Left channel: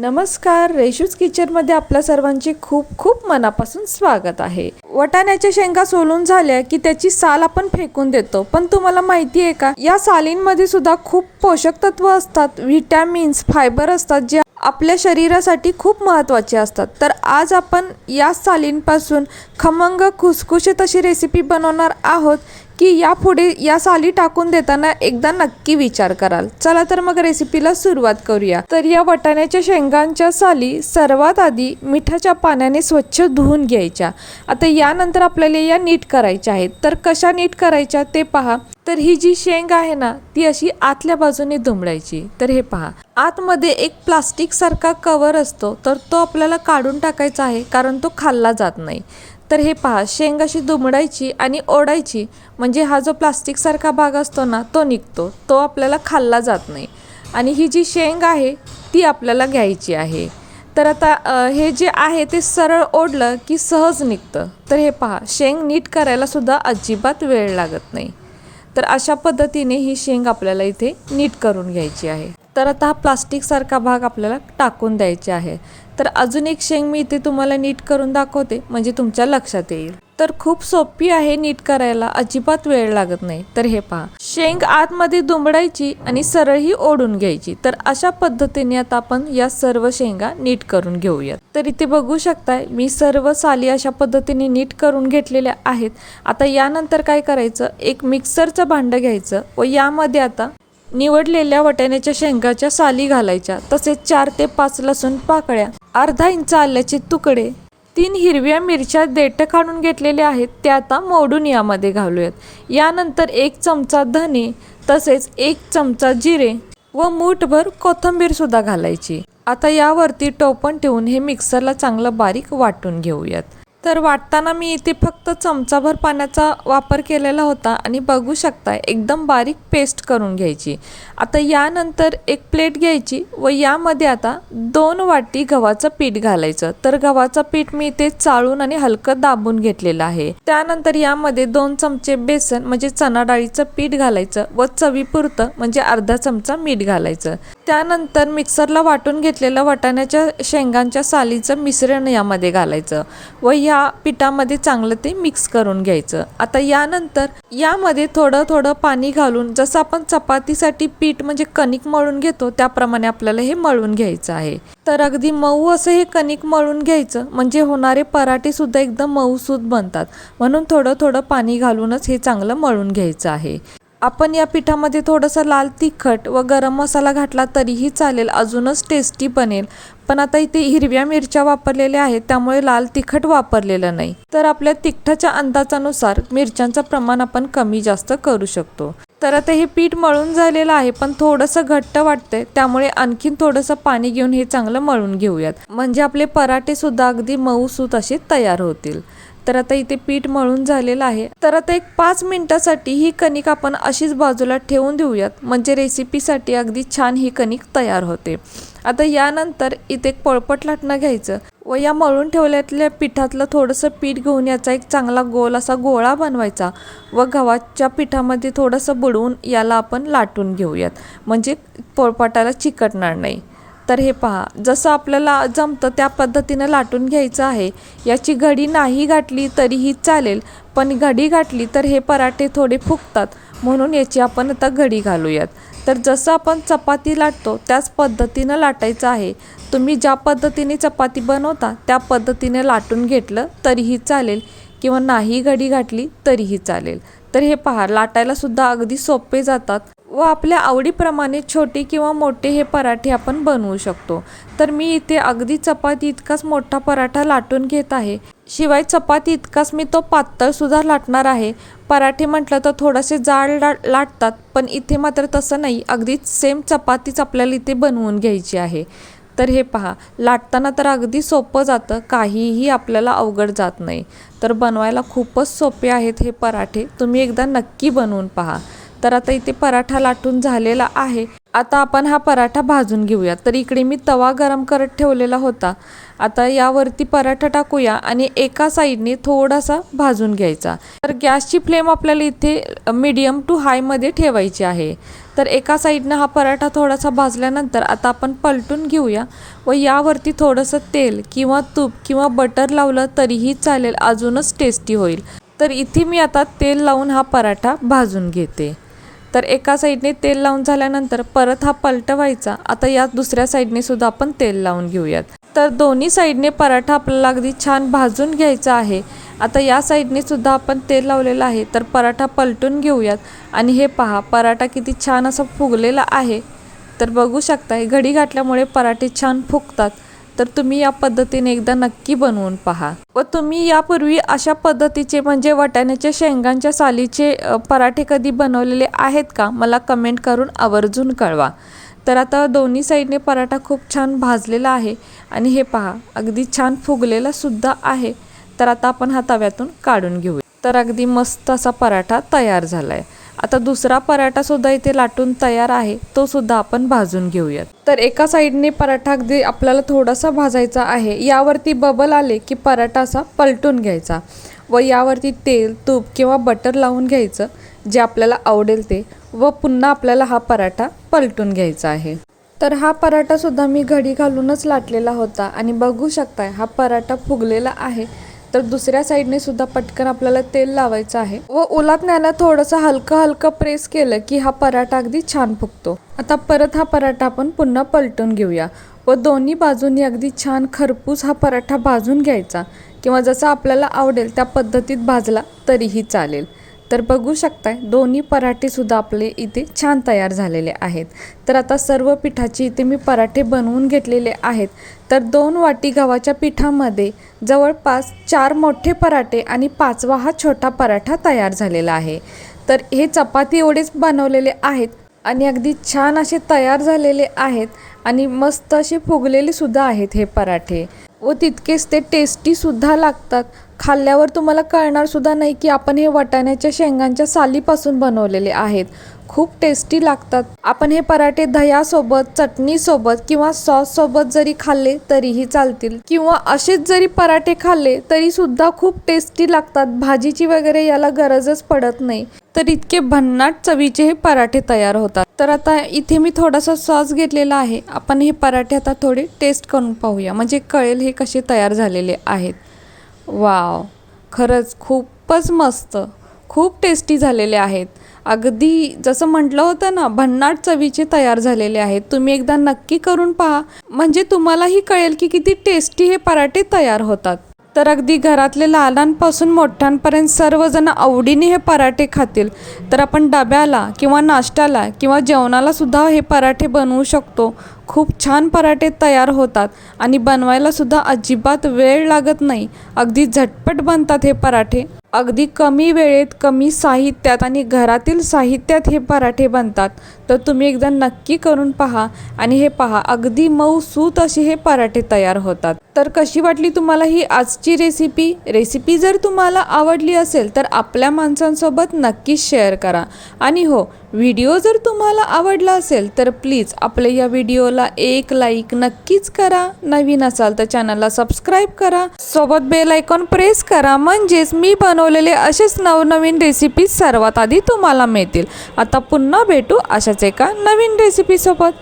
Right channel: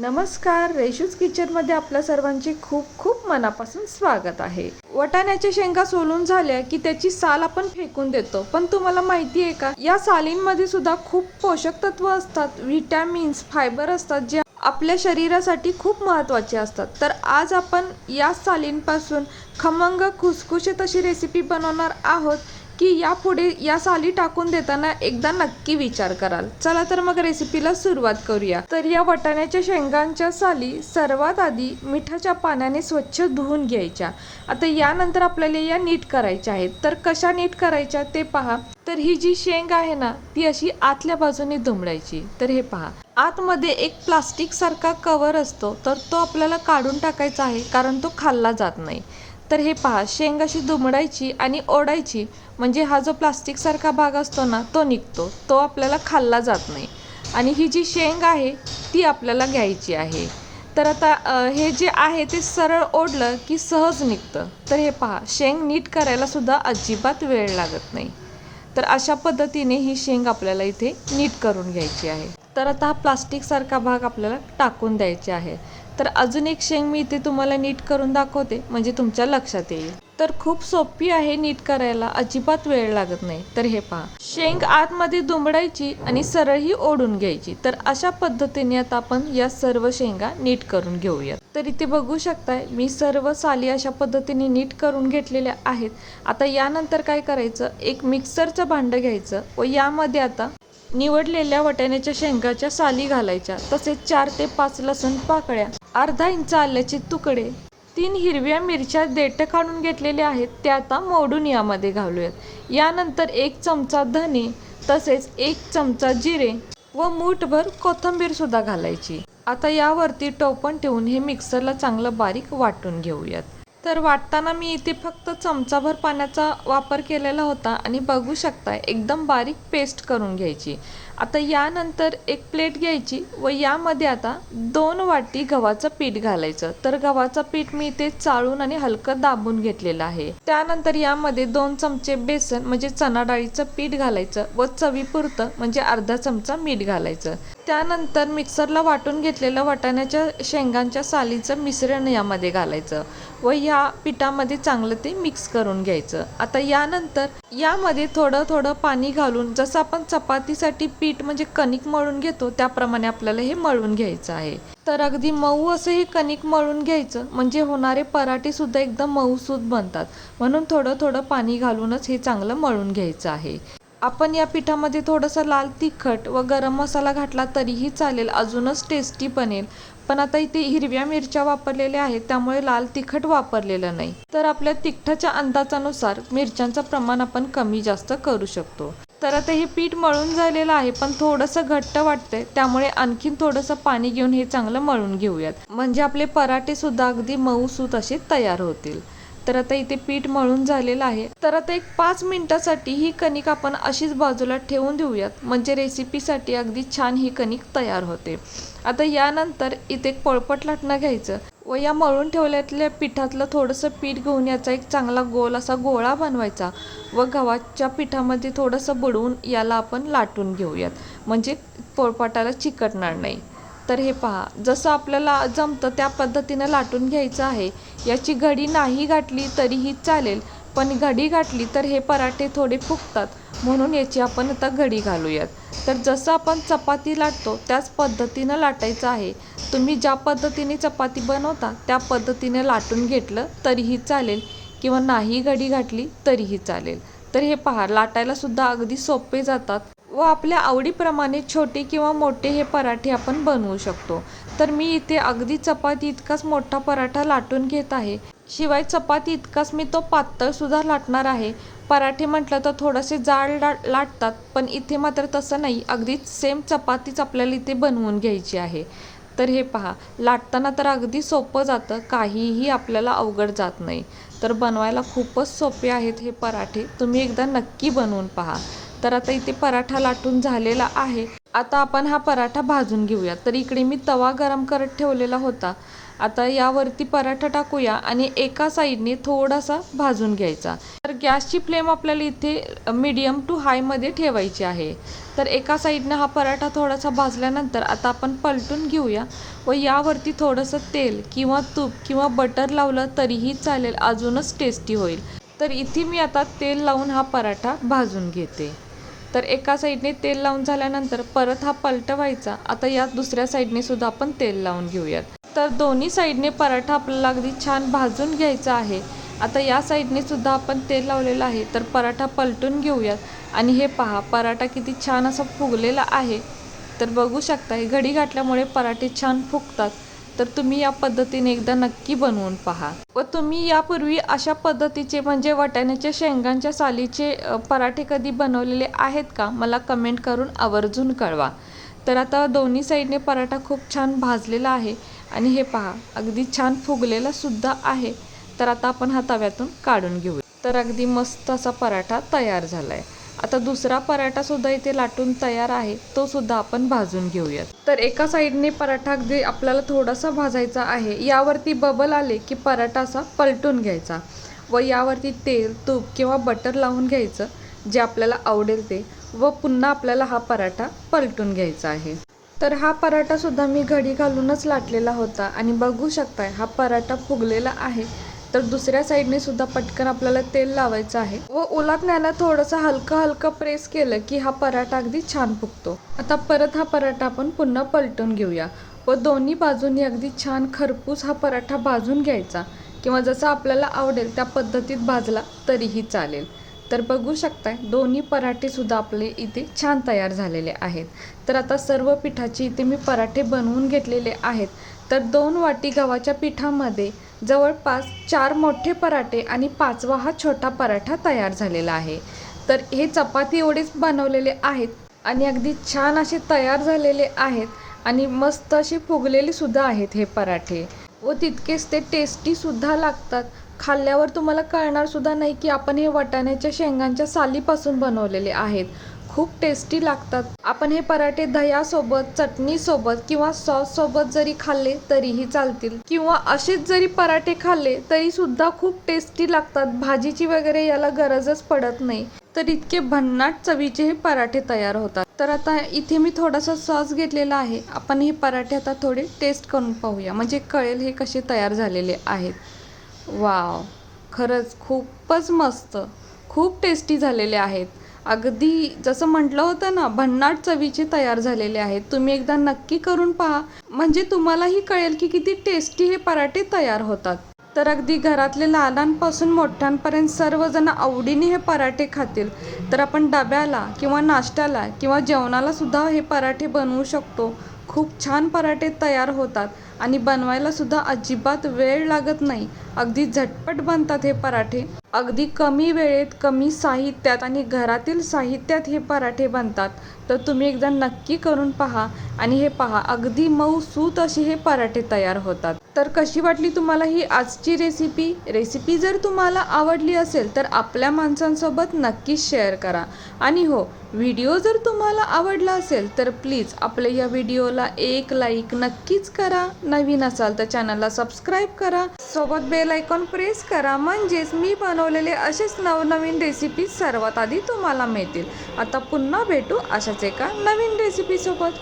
नमस्कार, रेशूज किचनमध्ये आपल्या सर्वांचे खूप खूप मनापासून स्वागत आहे. वाटाण्याच्या शेंगा सोलून झाल्या की त्याची साल आपण फेकून देतो, पण तुम्हाला माहिती आहे का, या सालींमध्ये सुद्धा खूप पोषक तत्व असतात, विटॅमिन्स, फायबर असतात, जे आपल्या शरीरासाठी खूप महत्त्वाचे असतात. तर आज आपण या सालींपासून खमंग खुसखुशीत अशी रेसिपी बनवणार आहोत की यापुढे या साली टाकून देताना एकदा नक्की विचार कराल. चला तर मग रेसिपीला सुरुवात करूया. तर या वाटाण्याच्या शेंगांच्या साली सर्वात आधी मिठाच्या पाण्याने स्वच्छ धुवून घ्यायच्या. आता यानंतर आपल्याला या नीट करायच्या आहेत. तर कशा नीट करायच्या ते पहा. तर ही जी शेंग आहे ना, ती अशी आतल्या बाजूने दुमडायची. तर हे पहा, आतमध्ये एक प्लास्टिक सारखा कवर असतो, तर तो आपल्याला काढून टाकायचा आहे, कारण तो खाल्ला जात नाही. तर हे पहा, शेंग अशी दुमडायची आणि ओढायची, म्हणजे हा जो प्लास्टिक सारखा भाग असतो ना, तो निघतो, तो आपल्याला खाल्ला जात नाही. आणि ही जी शेंग आहे ती आपल्याला घ्यायची आहे. तर आता हे जे आहे ते सरळ ओढलं की सहज निघतं. तर हे पहा, शेंग नीट करायला सुद्धा अजिबात वेळ लागत नाही. तर अशा पद्धतीने ही शेंग आपल्याला इथे नीट करून घ्यायची आहे. तर आता हा प्लास्टिक सारखा भाग आपल्याला टाकून द्यायचा आहे. तर अजून एक शेंग मी इथे तुम्हाला नीट करून दाखवते, म्हणजे तुमच्या लक्षात येईल. तर खूप सोपी आहे नीट करायला, अजिबात वेळ लागत नाही. तर हे पहा, शेंग आतमध्ये दुमडायची आणि सरळ ही ओढून घ्यायची. तर अशा पद्धतीने आता आपण या सर्व शेंगा नीट करून घेऊयात. तर इथे बघू शकताय, मी सर्व साली अशा पद्धतीने नीट करून घेतलेल्या आहेत. आता यानंतर काय करायचं, एक मिक्सरचं भांडं घ्यायचं व यामध्ये आता निवडलेल्या वाटाण्याच्या शेंगाच्या साली घालायच्या, तसेच 4 ते 5 लसूण पाकळ्या, अर्धा इंच आल्याचे तुकडे, 3 हिरव्या मिरच्या देठ काढून घेतलेल्या आहेत त्या आता मोडून यामध्ये घालूयात. यानंतर 1 चमचा धने, तसेच 1 चमचा जिरे व मूठभर कोथिंबीर सुद्धा घालायची. आता यावरती टोपण ठेवून हे मिक्सरला चांगलं बारीक वाटून घेऊयात. तर वाटताना मी इथे फक्त चमचाभर पाण्याचा वापर केलेला होता आणि बघू शकता एकदम बारीक पेस्ट करून घ्यायची. आता यानंतर एक प्लेट घ्यायची व यामध्ये आता 2 वाटी गव्हाचं पीठ घालायचं. तर गव्हाचं पीठ मी इथे चाळून आणि हलकं दाबून घेतलेलं आहे. त्यानंतर यामध्ये 2 चमचे बेसन म्हणजे चणा डाळीचं पीठ घालायचं व चवीपुरतं म्हणजे अर्धा चमचा मीठ घालायचं. त्यानंतर मिक्सरला वाटून घेतलेलं वाटाण्याच्या शेंगांच्या सालीचं मिश्रण यामध्ये घालायचं व या पिठामध्ये चांगलं ते मिक्स करून घ्यायचं. आता यानंतर यामध्ये थोडं थोडं पाणी घालून, जसं आपण चपातीसाठी पीठ म्हणजे कणिक मळून घेतो त्याप्रमाणे आपल्याला हे मळून घ्यायचं आहे. तर अगदी मऊ असं हे कणिक मळून घ्यायचं, म्हणजे होणारे पराठे सुद्धा एकदम मऊसूद बनतात. म्हणून थोडं थोडं पाणी घालूनच हे चांगलं मळून घ्यायचं आहे. आपण या पिठामध्ये थोडंसं लाल तिखट व गरम मसाला घातला तरीही चालेल, अजूनच टेस्टी बनेल. पण आता इथे हिरव्या मिरच्या वापरलेल्या आहेत, त्यामुळे लाल तिखट वापरलेलं नाही. तर आपल्या तिखटाच्या अंदाजानुसार मिरच्यांचं प्रमाण आपण कमी जास्त करू शकतो. तर आता हे पीठ मळून झालेलं आहे, पण थोडंसं घट्ट वाटतंय, त्यामुळे आणखीन थोडंसं पाणी घेऊन हे चांगलं मळून घेऊयात, म्हणजे आपले पराठे सुद्धा अगदी मऊसूत असे तयार होतील. तर आता इथे पीठ मळून झालेलं आहे. तर आता एक 5 मिनिटासाठी ही कणिक आपण अशीच बाजूला ठेवून देऊयात, म्हणजे रेसिपीसाठी अगदी छान ही कणिक तयार होते. आता यानंतर इथे एक पोळपट लाटणं घ्यायचं व या मळून ठेवल्यातल्या पिठातलं थोडंसं पीठ घेऊन याचा एक चांगला गोल असा गोळा बनवायचा व गव्हाच्या पिठामध्ये थोडंसं बुडवून याला आपण लाटून घेऊयात, म्हणजे पोळपाटाला चिकटणार नाही. तर हे पहा, जसं आपल्याला जमतं त्या पद्धतीनं लाटून घ्यायचं आहे. याची घडी नाही घातली तरीही चालेल, पण घडी घातली तर हे पराठे थोडे फुगतात, म्हणून याची आपण आता घडी घालूयात. तर जसं आपण चपाती लाटतो त्याच पद्धतीनं लाटायचं आहे. तुम्ही ज्या पद्धतीने चपाती बनवता त्या पद्धतीने लाटून घेतलं तरीही चालेल, किंवा नाही घडी घातली तरीही चालेल. तर हे पहा, लाटायला सुद्धा अगदी सोपे जातात व आपल्या आवडीप्रमाणे छोटे किंवा मोठे हे पराठे आपण बनवू शकतो. तर मी इथे अगदी चपाती इतकाच मोठा पराठा लाटून घेत आहे. शिवाय चपाती इतकाच मी तो पातळ सुद्धा लाटणार आहे. पराठे म्हटलं तर थोडेसे जाड लाटतात, पण इथे मात्र तसं नाही, अगदी सेम चपातीच आपल्याला इथे बनवून घ्यायची आहे. तर हे पहा, लाटताना तर अगदी सोपं जातं, काहीही आपल्याला अवघड जात नाही. तर बनवायला खूपच सोपे आहेत हे पराठे, तुम्ही एकदा नक्की बनवून पहा. तर आता इथे पराठा लाटून झालेला आहे. आता आपण हा पराठा भाजून घेऊया. तर इकडे मी तवा गरम करत ठेवलेला होता. आता यावरती पराठा टाकूया आणि एका साईडने थोडासा भाजून घ्यायचा. तर गॅसची फ्लेम आपल्याला इथे मीडियम टू हायमध्ये ठेवायची आहे. तर एका साईडनं हा पराठा थोडासा भाजल्यानंतर आता आपण पलटून घेऊया व यावरती थोडंसं तेल किंवा तूप किंवा बटर लावलं तरीही चालेल, अजूनच टेस्टी होईल. तर इथे मी आता तेल लावून हा पराठा भाजून घेते. तर एका साईडने तेल लावून झाल्यानंतर परत हा पलटवायचा. आता या दुसऱ्या साईडने सुद्धा आपण तेल लावून घेऊयात. तर दोन्ही साईडने पराठा आपल्याला अगदी छान भाजून घ्यायचा आहे. आता या साईडने सुद्धा आपण तेल लावलेलं आहे, तर पराठा पलटून घेऊयात. आणि हे पहा, पराठा किती छान असा फुगलेला आहे. तर बघू शकता, घडी घातल्यामुळे पराठे छान फुगतात. तर तुम्ही या पद्धतीने एकदा नक्की बनवून पहा. व तुम्ही यापूर्वी अशा पद्धतीचे म्हणजे वाटाण्याच्या शेंगांच्या सालीचे पराठे कधी बनवलेले आहेत का? मला कमेंट करून आवर्जून कळवा. तर आता दोन्ही साईडने पराठा खूप छान भाजलेला आहे आणि हे पहा, अगदी छान फुगलेला सुद्धा आहे. तर आता आपण हा तव्यातून काढून घेऊ. तर अगदी मस्त असा पराठा तयार झाला आहे. आता दुसरा पराठा सुद्धा इथे लाटून तयार आहे, तो सुद्धा आपण भाजून घेऊयात. तर एका साईडने पराठा अगदी आपल्याला थोडासा भाजायचा आहे. यावरती बबल आले की पराठा असा पलटून घ्यायचा व यावरती तेल, तूप किंवा बटर लावून घ्यायचं, जे आपल्याला आवडेल ते, व पुन्हा आपल्याला हा पराठा पलटून घ्यायचा आहे. तर हा पराठा सुद्धा मी घडी घालूनच लाटलेला होता आणि बघू शकताय हा पराठा फुगलेला आहे. तर दुसऱ्या साईडने सुद्धा पटकन आपल्याला तेल लावायचं आहे व उलटण्याला थोडंसं हलकं हलकं प्रेस केलं की हा पराठा अगदी छान फुगतो. आता परत हा पराठा आपण पुन्हा पलटून घेऊया व दोन्ही बाजूंनी अगदी छान खरपूस हा पराठा भाजून घ्यायचा किंवा जसा आपल्याला आवडेल त्या पद्धतीत भाजला तरीही चालेल. तर बघू शकताय दोन्ही पराठे सुद्धा आपले इथे छान तयार झालेले आहेत. तर आता सर्व पिठाचे इथे मी पराठे बनवून घेतलेले आहेत. तर 2 वाटी गव्हाच्या पिठामध्ये जवळपास 4 मोठे पराठे आणि 5वा हा छोटा पराठा तयार झालेला आहे. तर हे चपाती एवढेच बनवलेले आहेत आणि अगदी छान असे तयार झालेले आहेत आणि मस्त असे फुगलेले सुद्धा आहेत हे पराठे व तितकेच ते टेस्टी सुद्धा लागतात. खाल्ल्यावर तुम्हाला कळणार सुद्धा नाही की आपण हे वाटाण्याच्या शेंगांच्या सालीपासून बनवलेले आहेत. खूप टेस्टी लागतात. आपण हे पराठे दह्यासोबत, चटणीसोबत किंवा सॉससोबत जरी खाल्ले तरीही चालतील किंवा असेच जरी पराठे खाल्ले तरी सुद्धा खूप टेस्टी लागतात. भाजीची वगैरे याला गरजच पडत नाही. तर इतके भन्नाट चवीचे हे पराठे तयार होतात. तर आता इथे मी थोडासा सॉस घेतलेला आहे. आपण हे पराठे आता थोडे टेस्ट करून पाहूया, म्हणजे कळेल हे कसे तयार झालेले आहेत. वाव, खरंच खूपच मस्त, खूप टेस्टी झालेले आहेत. अगदी जसं म्हटलं होतं ना, भन्नाट चवीचे तयार झालेले आहेत. तुम्ही एकदा नक्की करून पहा, म्हणजे तुम्हालाही कळेल की किती टेस्टी हे पराठे तयार होतात. तर अगदी घरातले लहानांपासून मोठ्यांपर्यंत सर्वजण आवडीने हे पराठे खातील. तर आपण डब्याला किंवा नाश्त्याला किंवा जेवणाला सुद्धा हे पराठे बनवू शकतो. खूप छान पराठे तयार होतात आणि बनवायला सुद्धा अजिबात वेळ लागत नाही. अगदी झटपट बनतात हे पराठे. अगदी कमी वेळेत, कमी साहित्यात आणि घरातील साहित्यात हे पराठे बनतात. तर तुम्ही एकदा नक्की करून पहा आणि हे पहा, अगदी मऊसूत असे हे पराठे तयार होतात. तर कशी वाटली तुम्हाला ही आजची रेसिपी जर तुम्हाला आवडली असेल तर आपल्या माणसांसोबत नक्कीच शेअर करा. आणि हो, व्हिडिओ जर तुम्हाला आवडला असेल तर प्लीज आपल्या या व्हिडिओला एक लाईक नक्कीच करा. नवीन असाल तर चॅनलला सबस्क्राईब करा, सोबत बेल आयकॉन प्रेस करा, म्हणजेच मी बनवलेले असेच नवनवीन रेसिपी सर्वात आधी तुम्हाला मिळतील. आता पुन्हा भेटू अशाच एका नवीन रेसिपीसोबत.